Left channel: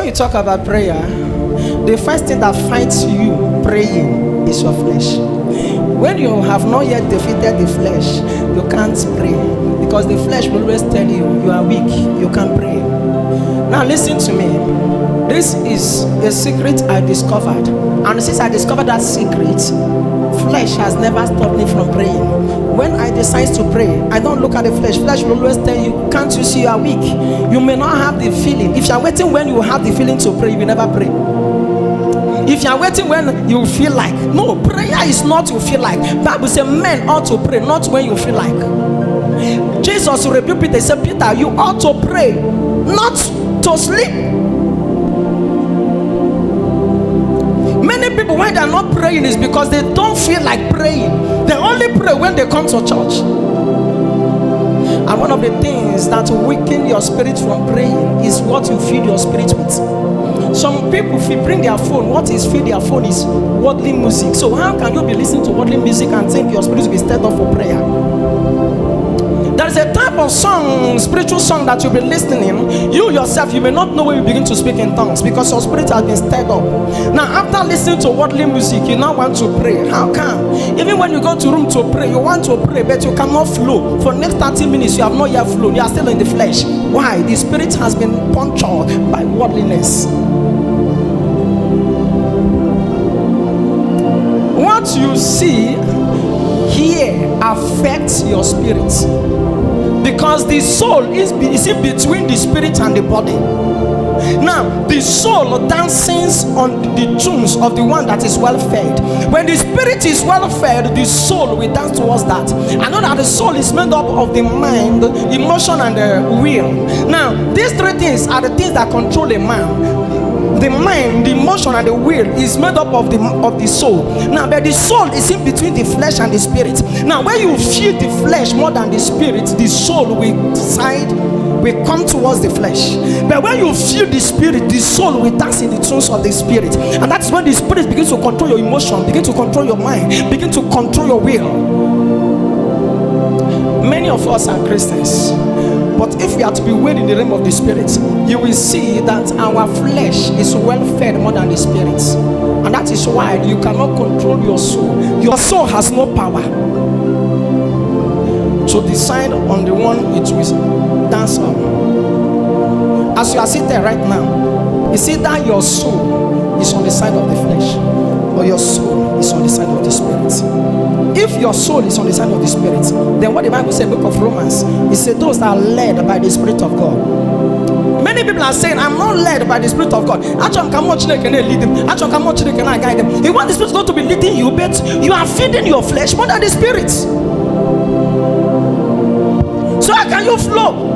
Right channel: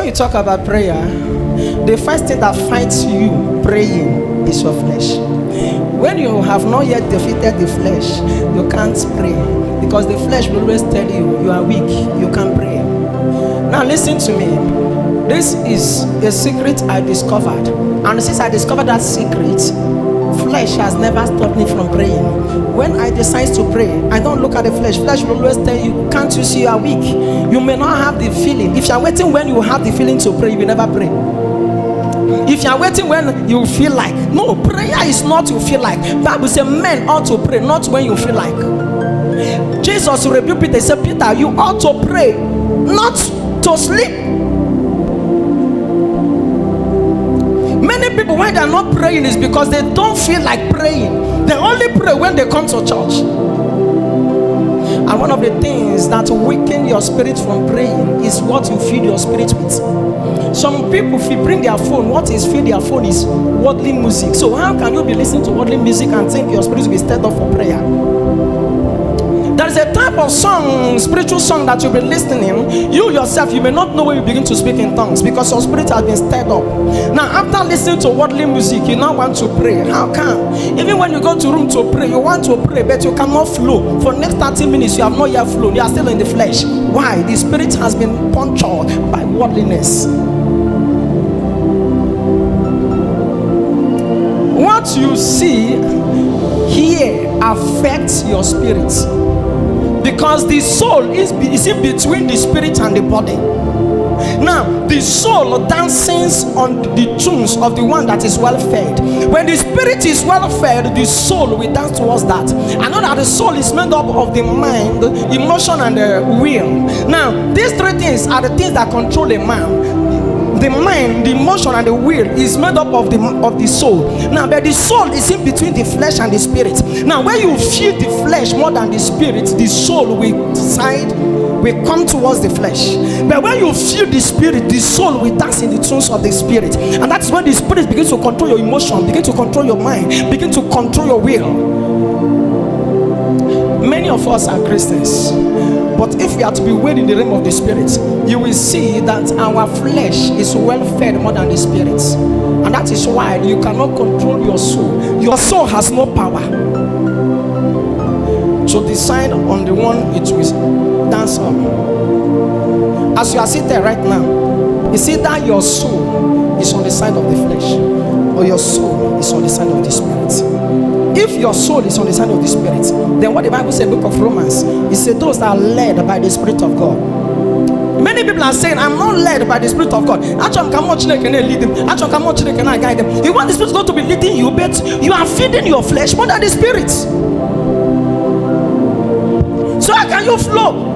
When you talk about prayer, the first thing that fights you praying is your flesh. When you have not yet defeated the flesh, you can't pray, because the flesh will always tell you you are weak, you can't pray. Now listen to me. This is a secret I discovered, and since I discovered that secret, flesh has never stopped me from praying. When I decide to pray, I don't look at the flesh. Flesh will always tell you, can't you see you are weak? You may not have the feeling. If you are waiting when you have the feeling to pray, you will never pray. If you are waiting when you feel like, no, prayer is not you feel like. Bible says men ought to pray, not when you feel like. Jesus rebuked Peter. He said, Peter, you ought to pray, not to sleep. Many people, why they are not praying is because they don't feel like praying. They only pray when they come to church. And one of the things that weaken your spirit from praying is what you feed your spirit with. Some people, if you bring their phone, what is feed their phone is worldly music. So how can you be listening to worldly music and think your spirit will be stirred up for prayer? There is a type of song, spiritual song, that you'll be listening. You yourself, you may not know when you begin to speak in tongues because your spirit has been stirred up. Now, after listening to worldly music, you now want to pray. How come? Even when you go to room to pray, you want to pray, but you cannot flow. For the next 30 minutes, you have not yet flown. You are still in the flesh. Why? The spirit has been punctured by worldliness. What you see here affects your spirit, because the soul is in between the spirit and the body. Now, the soul dances on the tunes of the one that is well fed. When the spirit is well fed, the soul will dance towards that. I know that the soul is made up of the mind, emotion, and the will. Now, these three things are the things that control a man. The mind, the emotion, and the will is made up of the soul. Now, but the soul is in between the flesh and the spirit. Now, when you feed the flesh more than the spirit, the soul will come towards the flesh. But when you feel the spirit, the soul will dance in the tunes of the spirit. And that's when the spirit begins to control your emotion, begin to control your mind, begin to control your will. Many of us are Christians, but if we are to be weighed in the realm of the spirit, you will see that our flesh is well fed more than the spirit. And that is why you cannot control your soul. Your soul has no power to decide on the one it will dance on. As you are sitting there right now, you see that your soul is on the side of the flesh, or your soul is on the side of the spirit. If your soul is on the side of the spirit, then what the Bible says in the book of Romans, it says those that are led by the Spirit of God. Many people are saying, I'm not led by the Spirit of God. Actually, can I lead them? Actually, can I guide them? You want the Spirit of God to be leading you, but you are feeding your flesh more than the Spirit. So how can you flow?